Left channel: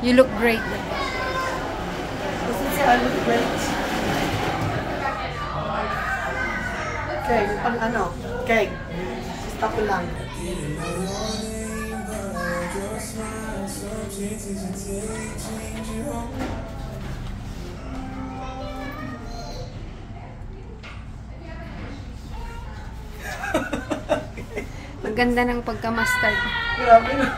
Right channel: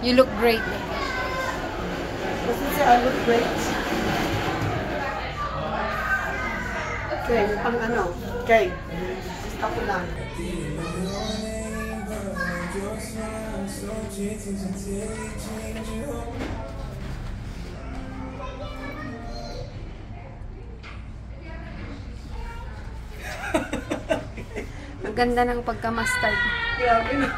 You look great. Does it say I look great? Okay, pang ano? Okay. Stop ko lang. Maganda ng pagka-mustard. Grabe na.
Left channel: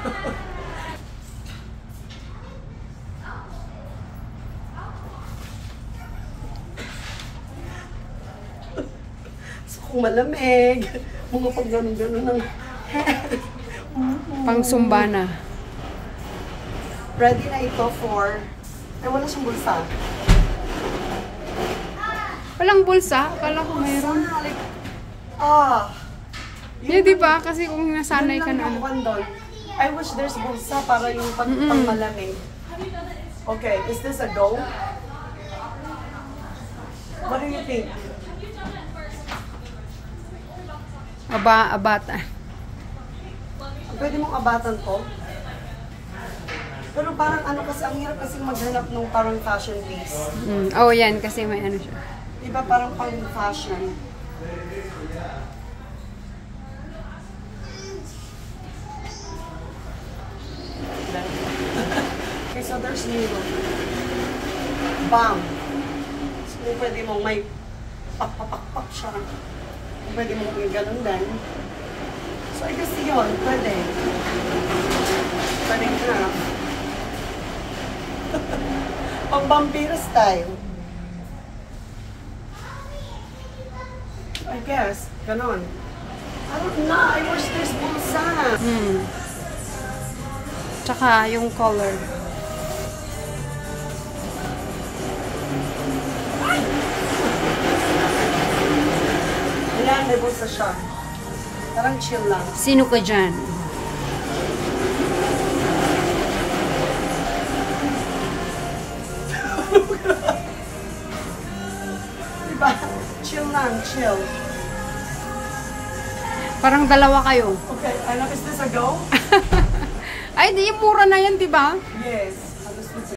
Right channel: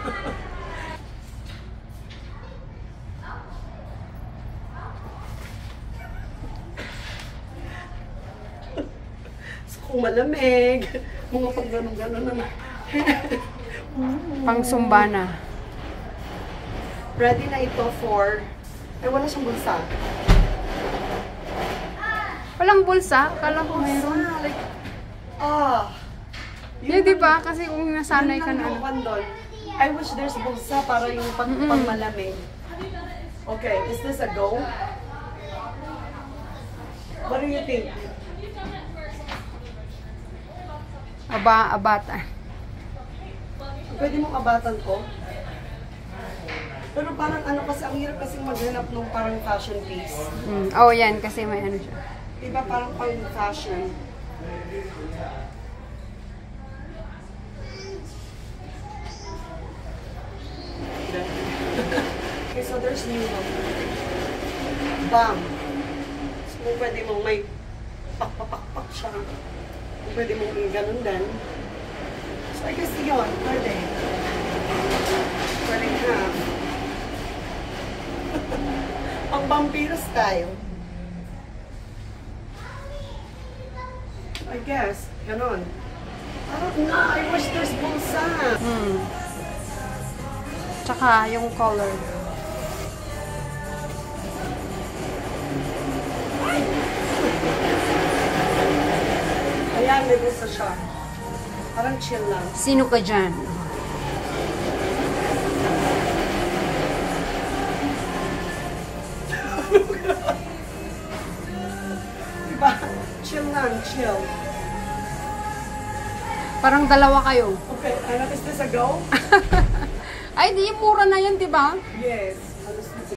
So kung malamig, mga pag ganun-ganun ng Pang sumbana. ready na ito for... Ay, wala siyang bulsa. Walang bulsa? Akala ko meron. Like, ah. Di ba? Kasi kung nasanay ka na. I wish there's bulsa para yung pang malamig. Okay, is this a go? What do you think? Abata. Pwede mong abatan to? Pero parang ano kasi, ang hirap kasi maghanap ng parang fashion piece. Oh, yan. Kasi may ano siya. Diba parang pang fashion? Okay, so there's nilo. Bam! So pwede mong may pak siya. Pwede mong ganun din. So I guess yun, pwede. Pwede nga. Pang vampiro style. I guess, ganon. I don't know, I wish there's bulsa. Tsaka yung color. Ayan, may bulsa siya. Parang chill lang. Sino ka dyan? Diba? Chill lang, chill. Parang dalawa kayo. Okay, is this a go? Ay, di mura na yan, di ba? Yes.